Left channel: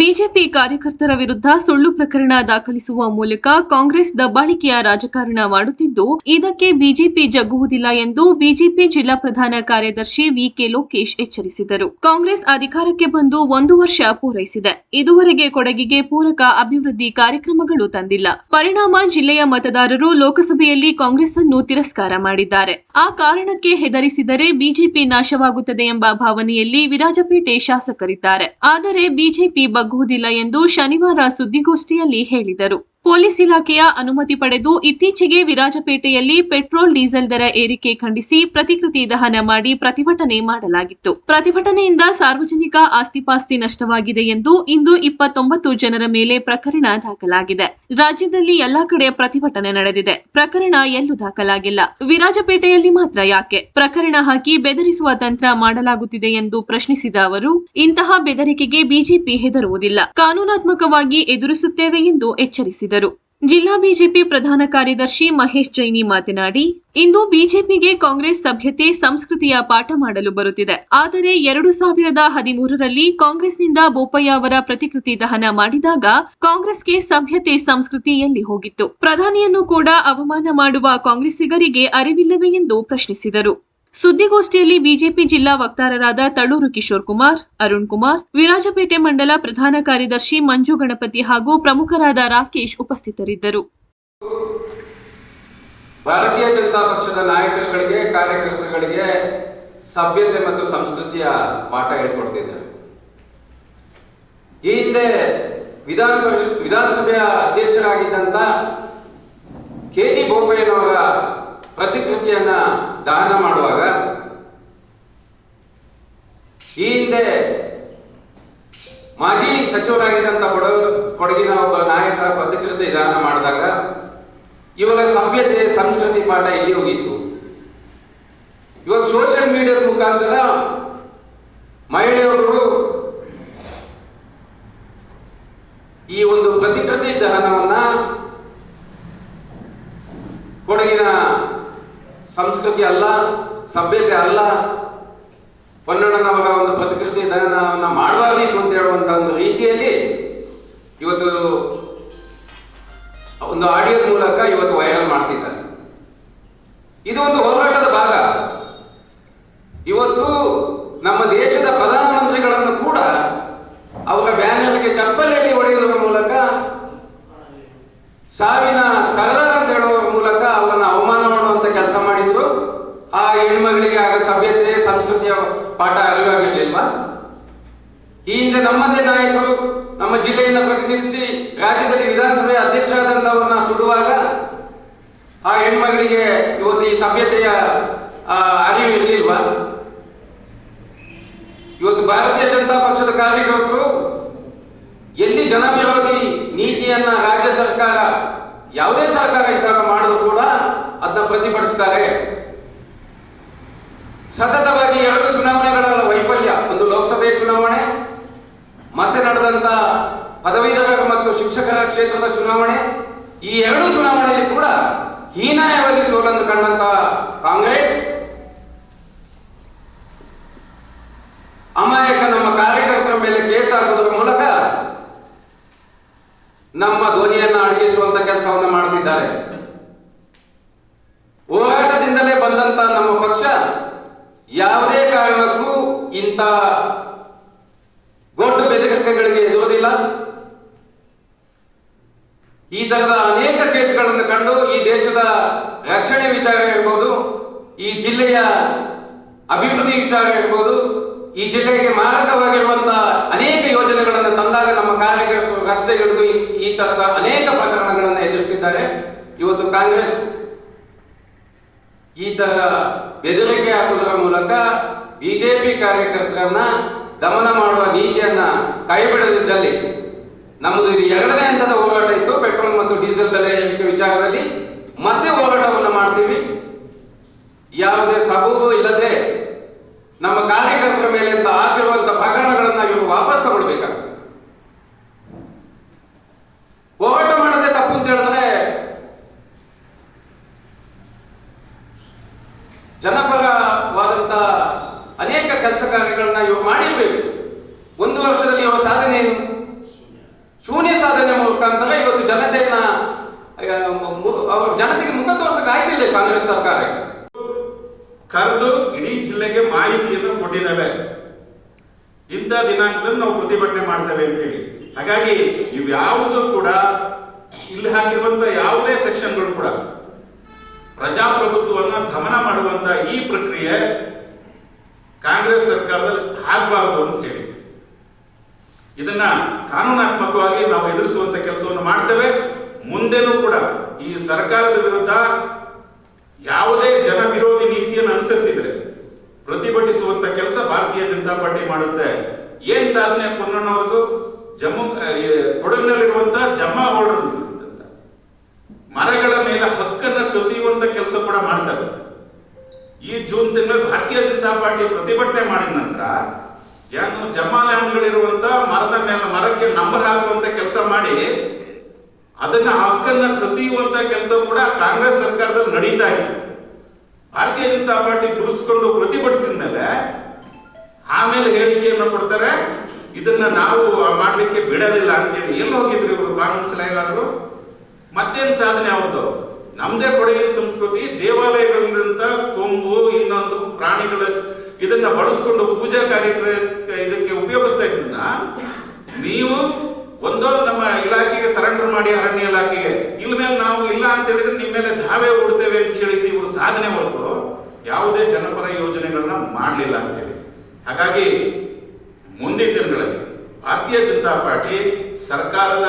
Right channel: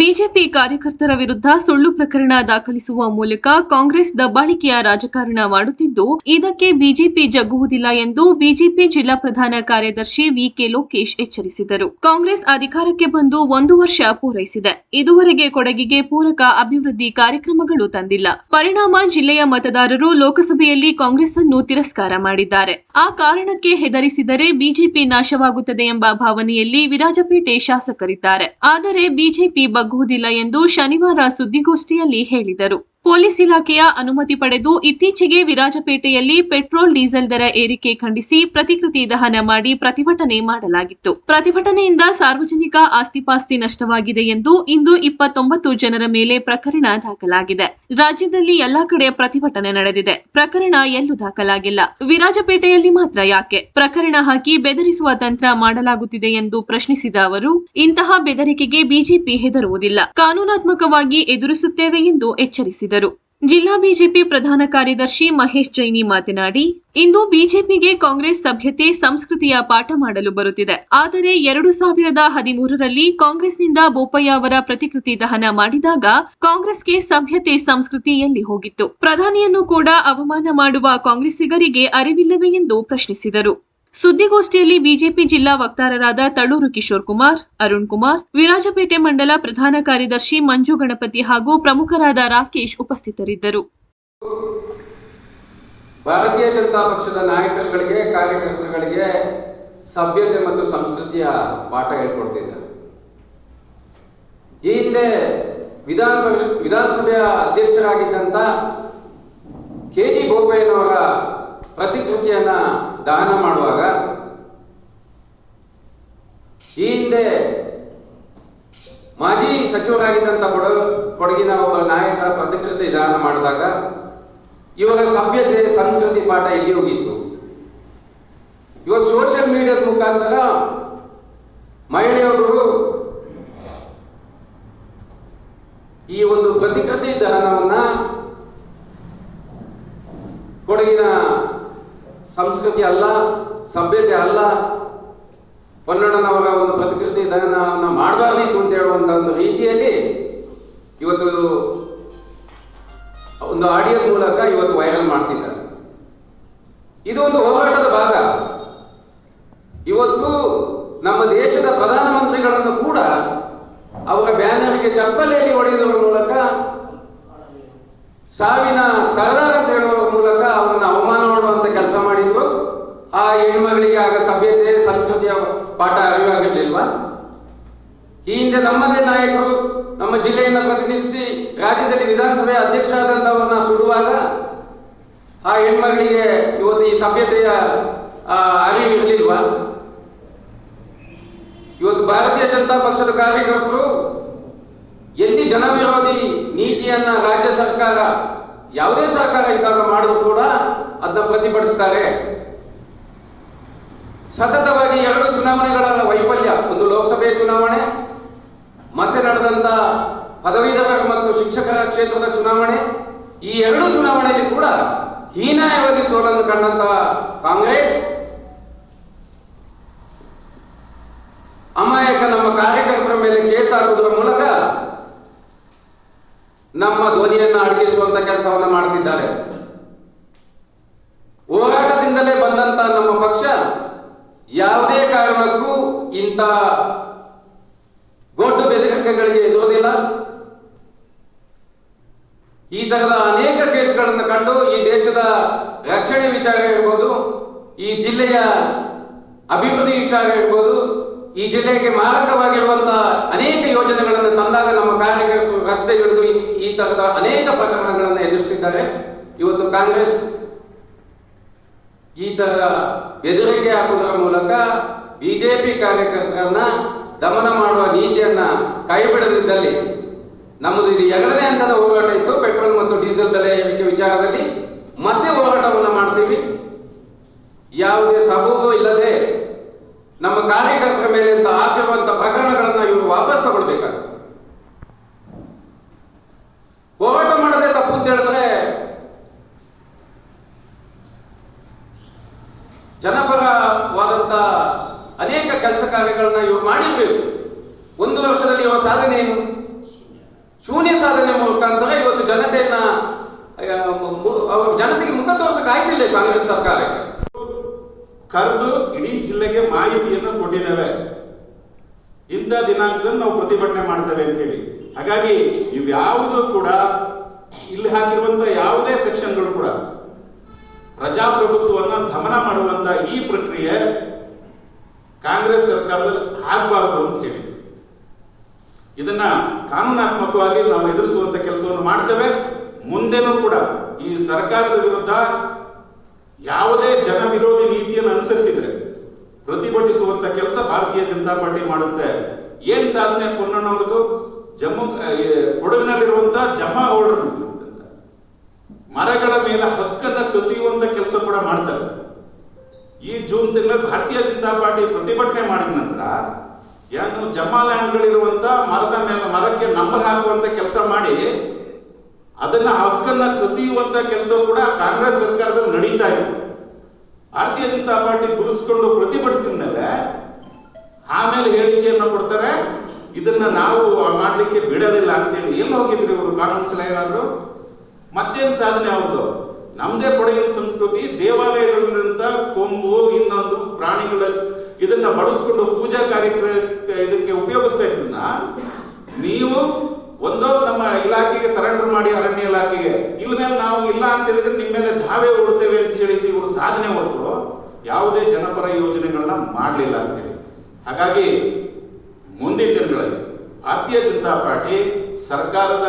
BJP ಕಾರ್ಯಕರ್ತರ ವಿರುದ್ಧ ಸುಳ್ಳು ಪ್ರಕರಣ ದಾಖಲಿಸುವ ಮೂಲಕ ಕಾಂಗ್ರೆಸ್ ದಬ್ಬಾಳಿಕೆಯ ರಾಜಕಾರಣ ಮಾಡುತ್ತಿದ್ದು, ಇದಕ್ಕೆ ಬಿಜೆಪಿ ಜಗ್ಗುವುದಿಲ್ಲ ಎಂದು ಬಿಜೆಪಿ ಜಿಲ್ಲಾ ಪ್ರಧಾನ ಕಾರ್ಯದರ್ಶಿ ವಿಕೆ ಲೋಕೇಶ್ ಎಚ್ಚರಿಸಿದರು. ಕಾಂಗ್ರೆಸ್ ಅಧಿಕಾರಕ್ಕೆ ಬಂದು 1 ವರ್ಷ ಪೂರೈಸಿದೆ. ಇದುವರೆಗೆ ಕೊಡಗಿಗೆ ಪೂರಕ ಅಭಿವೃದ್ಧಿ ಕಾರ್ಯಕ್ರಮಗಳು ತಂದಿಲ್ಲ. ಪರಿಣಾಮ ಜಿಲ್ಲೆಯ ಮತದಾರರು ಲೋಕಸಭೆಯಲ್ಲಿ ಕಾಂಗ್ರೆಸ್ ಅನ್ನು ತಿರಸ್ಕಾರ ಮಾಡಿದ್ದಾರೆ. ಆ ಕಾರಣಕ್ಕೆ ಹೆದರಿಸಿದರೆ ಬಿಜೆಪಿ ನಾಶವಾಗುತ್ತದೆ ಎಂಬ ಭಾವನೆಯಲ್ಲಿ ವಿರಾಜಪೇಟೆ ಶಾಸಕರಿದ್ದಾರೆ. ಆದರೆ ಬಿಜೆಪಿ ಬಗ್ಗುವುದಿಲ್ಲ ಎಂದು ಶನಿವಾರ ಸುದ್ದಿಗೋಷ್ಠಿಯಲ್ಲಿ ಹೇಳಿದರು. ಪೊಲೀಸ್ ಇಲಾಖೆಯ ಅನುಮತಿ ಪಡೆದು ಇತ್ತೀಚೆಗೆ ವಿರಾಜಪೇಟೆಯಲ್ಲಿ ಪೆಟ್ರೋಲ್ ಡೀಸೆಲ್ ದರ ಏರಿಕೆ ಖಂಡಿಸಿ ಪ್ರತಿಕೃತಿ ದಹನ ಮಾಡಿ ಪ್ರತಿಭಟನೆ ಮಾಡಲಾಗಿತ್ತು. ಪ್ರತಿಭಟನೆಯಿಂದ ಸಾರ್ವಜನಿಕ ಆಸ್ತಿಪಾಸ್ತಿ ನಷ್ಟವಾಗಿದೆ ಎಂದು ಇಂದು 29 ಜನರ ಮೇಲೆ ಪ್ರಕರಣ ದಾಖಲಾಗಿದೆ. ರಾಜ್ಯದಲ್ಲಿ ಎಲ್ಲಾ ಕಡೆ ಪ್ರತಿಭಟನೆ ನಡೆದಿದೆ. ಪ್ರಕರಣ ಎಲ್ಲೂ ದಾಖಲಾಗಿಲ್ಲ. ವಿರಾಜಪೇಟೆಯಲ್ಲಿ ಮಾತ್ರ ಯಾಕೆ ಪ್ರಕರಣ ಹಾಕಿ ಬೆದರಿಸುವ ತಂತ್ರ ಮಾಡಲಾಗುತ್ತಿದೆ ಎಂದು ಪ್ರಶ್ನಿಸಿದ ಅವರು, ಇಂತಹ ಬೆದರಿಕೆಗೆ ಬಿಜೆಪಿ ಹೆದರುವುದಿಲ್ಲ, ಕಾನೂನಾತ್ಮಕವಾಗಿ ಎದುರಿಸುತ್ತೇವೆ ಎಂದು ಎಚ್ಚರಿಸಿದರು. ಜಿಲ್ಲಾ ಬಿಜೆಪಿ ಪ್ರಧಾನ ಕಾರ್ಯದರ್ಶಿ ಮಹೇಶ್ ಜೈನಿ ಮಾತನಾಡಿ, ಇಂದು ಬಿಜೆಪಿಗೆ ಕಾಂಗ್ರೆಸ್ ಸಭ್ಯತೆ ಸಂಸ್ಕೃತಿಯ ಪಾಠ ಮಾಡಲು ಬರುತ್ತಿದೆ. ಆದರೆ 2013ರಲ್ಲಿ ಕಾಂಗ್ರೆಸ್ನಿಂದ ಬೋಪಯ್ಯ ಅವರ ಪ್ರತಿಕೃತಿ ದಹನ ಮಾಡಿದಾಗ ಕಾಂಗ್ರೆಸ್ಗೆ ಸಭ್ಯತೆ ಸಂಸ್ಕೃತಿ ಎಲ್ಲಿ ಹೋಗಿತ್ತು? ಪ್ರಧಾನಿಯನ್ನು ಕೂಡ ಅವಮಾನ ಮಾಡುವ ಕಾಂಗ್ರೆಸ್ಸಿಗರಿಗೆ ಅರಿವಿಲ್ಲವೇ ಎಂದು ಪ್ರಶ್ನಿಸಿದರು. ಸುದ್ದಿಗೋಷ್ಠಿಯಲ್ಲಿ ಬಿಜೆಪಿ ಜಿಲ್ಲಾ ವಕ್ತಾರರಾದ ತಳೂರು ಕಿಶೋರ್ ಕುಮಾರ್, ಅರುಣ್ ಕುಮಾರ್, ವಿರಾಜಪೇಟೆ ಮಂಡಲ ಪ್ರಧಾನ ಕಾರ್ಯದರ್ಶಿ ಮಂಜು ಗಣಪತಿ ಹಾಗೂ ಪ್ರಮುಖರಾದ ರಾಕೇಶ್ ಉಪಸ್ಥಿತರಿದ್ದರು. ಭಾರತೀಯ ಜನತಾ ಪಕ್ಷದ ನಾಯಕರುಗಳಿಗೆ, ಕಾರ್ಯಕರ್ತರುಗಳಿಗೆ ಸಭ್ಯತೆ ಮತ್ತು ಸಂಸ್ಕೃತಿಯ ಪಾಠ ಹೇಳ್ಕೊಡ್ತಿದ್ದಾರೆ. ಈ ಹಿಂದೆ ವಿಧಾನಸಭೆಯ ಅಧ್ಯಕ್ಷರಾಗಿದ್ದಂತ ಕೆಜಿ ಬೋಪಯ್ಯನವರ ಪ್ರತಿಕೃತಿಯನ್ನ ದಹನ ಮಾಡುವಾಗ, ಈ ಹಿಂದೆ ಮಾಜಿ ಸಚಿವರಾಗಿದ್ದಂತ ಕೊಡಗಿನ ಒಬ್ಬ ನಾಯಕರ ಪ್ರತಿಕೃತಿ ದಹನ ಮಾಡಿದಾಗ ಇವಾಗ ಸಭ್ಯತೆ ಸಂಸ್ಕೃತಿ ಪಾಠ ಇಲ್ಲಿ ಹೋಗಿತ್ತು. ಇವಾಗ ಸೋಷಿಯಲ್ ಮೀಡಿಯಾದ ಮುಖಾಂತರ ಮಹಿಳೆಯರು ಈ ಒಂದು ಪ್ರತಿಕೃತಿ ದಹನವನ್ನ ಕೊಡಗಿನ ಸಂಸ್ಕೃತಿ ಅಲ್ಲ, ಸಭ್ಯತೆ ಅಲ್ಲ, ಪೊನ್ನಣ್ಣನವರ ಒಂದು ಪ್ರತಿಕೃತಿ ದಹನವನ್ನು ಮಾಡಬಾರದಿತ್ತು ಅಂತ ಹೇಳುವಂತ ಒಂದು ರೀತಿಯಲ್ಲಿ ಇವತ್ತು ಒಂದು ಆಡಿಯೋ ಮೂಲಕ ಇವತ್ತು ವೈರಲ್ ಮಾಡ್ತಿದ್ದಾರೆ. ಇದು ಒಂದು ಹೋರಾಟದ ಭಾಗ. ಇವತ್ತು ನಮ್ಮ ದೇಶದ ಪ್ರಧಾನಮಂತ್ರಿಗಳನ್ನು ಕೂಡ ಅವರ ಬ್ಯಾನರ್ಗೆ ಚಪ್ಪಲಿಯಲ್ಲಿ ಹೊಡೆಯುವುದರ ಮೂಲಕ, ಸಾವಿನ ಸರ್ದಾರ್ ಅಂತ ಹೇಳುವ ಮೂಲಕ ಅವರನ್ನು ಅವಮಾನ ಮಾಡುವಂತ ಕೆಲಸ ಮಾಡಿದ್ರು. ಆ ಹೆಣ್ಮಗಳಿಗೆ ಆಗ ಸಭ್ಯತೆ ಸಂಸ್ಕೃತಿಯ ಪಾಠ ಅರಿವಾಗಿರ್ಲಿಲ್ವಾ? ಈ ಹಿಂದೆ ನಮ್ಮದೇ ನಾಯಕರು ನಮ್ಮ ಜಿಲ್ಲೆಯನ್ನು ಪ್ರತಿನಿಧಿಸಿ ರಾಜ್ಯದಲ್ಲಿ ವಿಧಾನಸಭೆಯ ಅಧ್ಯಕ್ಷರಾದಂತವರನ್ನ ಸುಡುವಾಗ ಆ ಹೆಣ್ಮಗಳಿಗೆ ಇವತ್ತು ಈ ಸಭ್ಯತೆಯ ಅರಿವು ಇರಲಿಲ್ವಾ? ಇವತ್ತು ಭಾರತೀಯ ಜನತಾ ಪಕ್ಷದ ಕಾರ್ಯಕರ್ತರು ಎಲ್ಲಿ ಜನವಿರೋಧಿ ನೀತಿಯನ್ನ ರಾಜ್ಯ ಸರ್ಕಾರ, ಯಾವುದೇ ಸರ್ಕಾರ ಇದ್ದಾಗ ಮಾಡಿದ್ರು ಕೂಡ ಅದನ್ನ ಪ್ರತಿಭಟಿಸ್ತಾರೆ. ಸತತವಾಗಿ 2 ಚುನಾವಣೆಗಳ ವೈಫಲ್ಯ, ಒಂದು ಲೋಕಸಭೆ ಚುನಾವಣೆ, ಮತ್ತೆ ನಡೆದಂತ ಪದವೀಧರರ ಮತ್ತು ಶಿಕ್ಷಕರ ಕ್ಷೇತ್ರದ ಚುನಾವಣೆ, ಈ 2 ಚುನಾವಣೆಯಲ್ಲಿ ಕೂಡ ಹೀನಾಯವಾಗಿ ಸೋಲನ್ನು ಕಂಡಂತ ಕಾಂಗ್ರೆಸ್ ಅಮಾಯಕ ನಮ್ಮ ಕಾರ್ಯಕರ್ತರ ಮೇಲೆ ಕೇಸ್ ಹಾಕುವುದರ ಮೂಲಕ ನಮ್ಮ ಧ್ವನಿಯನ್ನು ಅಡಗಿಸುವಂತ ಕೆಲಸವನ್ನು ಮಾಡ್ತಿದ್ದಾರೆ. ಹೋರಾಟದಿಂದಲೇ ಬಂದಂತ ನಮ್ಮ ಪಕ್ಷ ಯಾವುದೇ ಕಾರಣಕ್ಕೂ ಇಂಥ ಗೊಡ್ಡು ಬೆದರಿಕೆಗಳಿಗೆ ಎದುರುವುದಿಲ್ಲ. ಈ ತರದ ಅನೇಕ ಕೇಸ್ಗಳನ್ನು ಕಂಡು ಈ ದೇಶದ ರಕ್ಷಣೆ ವಿಚಾರ ಇರ್ಬೋದು, ಈ ಜಿಲ್ಲೆಯ ಅಭಿವೃದ್ಧಿ ವಿಚಾರ ಇರ್ಬೋದು, ಈ ಜಿಲ್ಲೆಗೆ ಮಾರಕವಾಗಿರುವಂತಹ ಅನೇಕ ಯೋಜನೆಗಳನ್ನು ತಂದಾಗ ನಮ್ಮ ಕಾರ್ಯಕರ್ತರು ರಸ್ತೆ ಹಿಡಿದು ಈ ತರದ ಅನೇಕ ಪ್ರಕರಣಗಳನ್ನು ಎದುರಿಸಿದ್ದಾರೆ. ಇವತ್ತು ಕಾಂಗ್ರೆಸ್ ಈ ತರ ಬೆದರಿಕೆ ಹಾಕುವುದರ ಮೂಲಕ ಬಿಜೆಪಿ ಕಾರ್ಯಕರ್ತರನ್ನ ದಮನ ಮಾಡುವ ನೀತಿಯನ್ನ ಕೈಬಿಡದಿದ್ದಲ್ಲಿ ನಮ್ಮದು ಇದು 2ನೇ ಹಂತದ ಹೋರಾಟ ಇತ್ತು. ಪೆಟ್ರೋಲ್ ಮತ್ತು ಡೀಸೆಲ್ ಬೆಲೆ ಏರಿಕೆ ವಿಚಾರದಲ್ಲಿ ಮತ್ತೆ ಹೋರಾಟವನ್ನು ಮಾಡ್ತೀವಿ. ಯಾವುದೇ ಸಬೂಬು ಇಲ್ಲದೆ ನಮ್ಮ ಕಾರ್ಯಕರ್ತರ ಮೇಲೆ ಹಾಕಿರುವಂತಹ ಪ್ರಕರಣಗಳನ್ನ ಇವರು ವಾಪಸ್ ತಗೊಳ್ಬೇಕಾಗ್ತದೆ. ಹೋರಾಟ ಮಾಡದೆ ತಪ್ಪು ಅಂತ ಹೇಳಿದ್ರೆ ಜನಪರವಾದಂತ ಅನೇಕ ಕೆಲಸ ಕಾರ್ಯಗಳನ್ನ ಇವರು ಮಾಡಿರ್ಬೇಕು. 1 ವರ್ಷದಲ್ಲಿ ಇವರ ಸಾಧನೆ ಏನು? ಶೂನ್ಯ ಸಾಧನೆ ಮುಖಾಂತರ ಇವತ್ತು ಜನತೆಗೆ ಮುಖ ತೋರ್ಸಕ್ಕೆ ಆಯ್ತಿಲ್ಲ ಕಾಂಗ್ರೆಸ್ ಸರ್ಕಾರಕ್ಕೆ. ಕರೆದು ಇಡೀ ಜಿಲ್ಲೆಗೆ ಮಾಹಿತಿಯನ್ನು ಕೊಟ್ಟಿದ್ದೇವೆ, ಇಂಥ ದಿನಾಂಕದಲ್ಲಿ ನಾವು ಪ್ರತಿಭಟನೆ ಮಾಡ್ತೇವೆ ಅಂತೇಳಿ. ಹಾಗಾಗಿ ಇವ್ಯಾವುದೂ ಕೂಡ ಇಲ್ಲಿ ಹಾಕಿರುವಂತ ಯಾವುದೇ ಸೆಕ್ಷನ್ಗಳು ಕೂಡ ಪ್ರಜಾಪ್ರಭುತ್ವವನ್ನು ದಮನ ಮಾಡುವಂತ ಈ ಪ್ರಕ್ರಿಯೆ ಕಾಂಗ್ರೆಸ್ ಸರ್ಕಾರದಲ್ಲಿ ಆಗಬಾರದು ಅಂತ ಹೇಳಿ ಇದನ್ನ ಕಾನೂನಾತ್ಮಕವಾಗಿ ನಾವು ಎದುರಿಸುವಂತ ಕೆಲಸವನ್ನು ಮಾಡ್ತೇವೆ. ಮುಂದೆನೂ ಕೂಡ ಈ ಸರ್ಕಾರದ ವಿರುದ್ಧ ಯಾವುದೇ ಜನ ವಿರೋಧಿ ನೀತಿಯನ್ನು ಅನುಸರಿಸಿದ್ರೆ ಪ್ರತಿಭಟಿಸುವಂತ ಕೆಲಸ ಭಾರತೀಯ ಜನತಾ ಪಾರ್ಟಿ ಮಾಡುತ್ತೆ. ಏನ್ ಸಾಧನೆ ಪೊನ್ನಣ್ಣವ್ರದ್ದು ಕೊಡಗಿನಲ್ಲಿರುವಂತಹ ಜಮಾ ಓರ್ಡರ್ ಮರಗಳ ಮೇಲೆ ಹಕ್ಕನ್ನ ಕಸಿಯುವಂತ ಕೆಲಸ ಕೂಡ ಮಾಡ್ತಾರೆ. ಈ ಜೂನ್ ತಿಂಗಳಲ್ಲಿ ಭಾರತೀಯ ಜನತಾ ಪಾರ್ಟಿ ಪ್ರತಿಭಟನೆ ಮಾಡಿದ ನಂತರ ಏನು ಜಮಾ ಲ್ಯಾಂಡ್ಗಳಿರುವಂತ ಮರದ ಮೇಲೆ ಮರಕ್ಕೆ ನಂಬರ್ ಹಾಕುವಂತ ಕೆಲಸ ಮಾಡಿ ಅದನ್ನ ಹಕ್ಕನ್ನ ಕಸಿಯುವಂತ ಕೆಲಸ ಕೂಡ ಕಾಂಗ್ರೆಸ್ ಸರ್ಕಾರದಲ್ಲಿ ನಡೀತಾ ಇದೆ. ಭಾರತೀಯ ಜನತಾ ಪಾರ್ಟಿ ಗುರುಸ್ಕೊಂಡು ಪ್ರತಿಭಟಿಸಿದ ಮೇಲೆ ಆಮೇಲೆ ಹೇಳಿಕೆಯನ್ನು ಕೊಡ್ತಾರೆ, ಇದನ್ನ ನಾವು ಮಾಡ್ಲಿಕ್ಕೆ ಬಿಡೋದಿಲ್ಲ ಅಂತೇಳಿ. ಎಲ್ಲಿ ಹೋಗಿದ್ರಿ ಇವರು ಕಾನೂನು ಸಲಹೆಗಾರರು? ಮತ್ತೇನು ಸಾಧನೆ ಅವ್ರದ್ದು? ನಮ್ದೇ ಕೊಡಗಿನ ಸಂಸ್ಕೃತಿ, ದೇವಾಲಯಗಳಿಂದ ಕೊಂಬು ಇನ್ನೊಂದು ಪ್ರಾಣಿಗಳ ಇದನ್ನ ಬಳಸ್ಕೊಂಡು ಪೂಜಾ ಕಾರ್ಯಕ್ರಮ ಇದಕ್ಕೆ ಉಪಯೋಗಿಸ್ತಾ ಇದ್ದನ್ನ ನೀವು ಒಂದೋ ನಮ್ಮ ಇಲಾಖೆಗೆ ಸರೆಂಡರ್ ಮಾಡಿ, ಅರಣ್ಯ ಇಲಾಖೆಗೆ, ಇಲ್ ಮೇಲೆ ನಾವು ಇಲ್ಲ ಅಂತ ಹೇಳಿದ್ರೆ ನಿಮ್ಮ ಮೇಲೆ ಧಾವೆ ಓಡ್ತೇವೆ ಅಂತ ಹೇಳಿದ್ದು ಇವರು ಸಾಧನೆ ಹೊರತು ಯಾವುದೇ ಜನಪರ ಯೋಜನೆಗಳನ್ನ ಮಾಡಲಿಲ್ಲ ಅಂತೇಳಿ. ಹಾಗಾಗಿ ಮುಂದಿನ ದಿನಗಳಲ್ಲಿ ಭಾರತೀಯ ಜನತಾ ಪಾರ್ಟಿ ಸರ್ಕಾರದ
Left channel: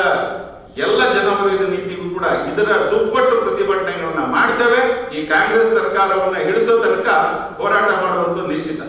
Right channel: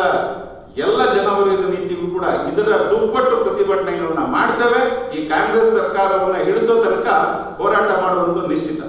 ಎಲ್ಲ ಜನವರಿದ ನೀತಿಗೂ ಕೂಡ ಇದರ ದುಪ್ಪಟ್ಟು ಪ್ರತಿಭಟನೆಗಳನ್ನ ಮಾಡ್ತೇವೆ. ಈ ಕಾಂಗ್ರೆಸ್ ಸರ್ಕಾರವನ್ನ ಇಳಿಸೋ ತನಕ ಹೋರಾಟ ಮಾಡುವಂತ ನಿಶ್ಚಿತ.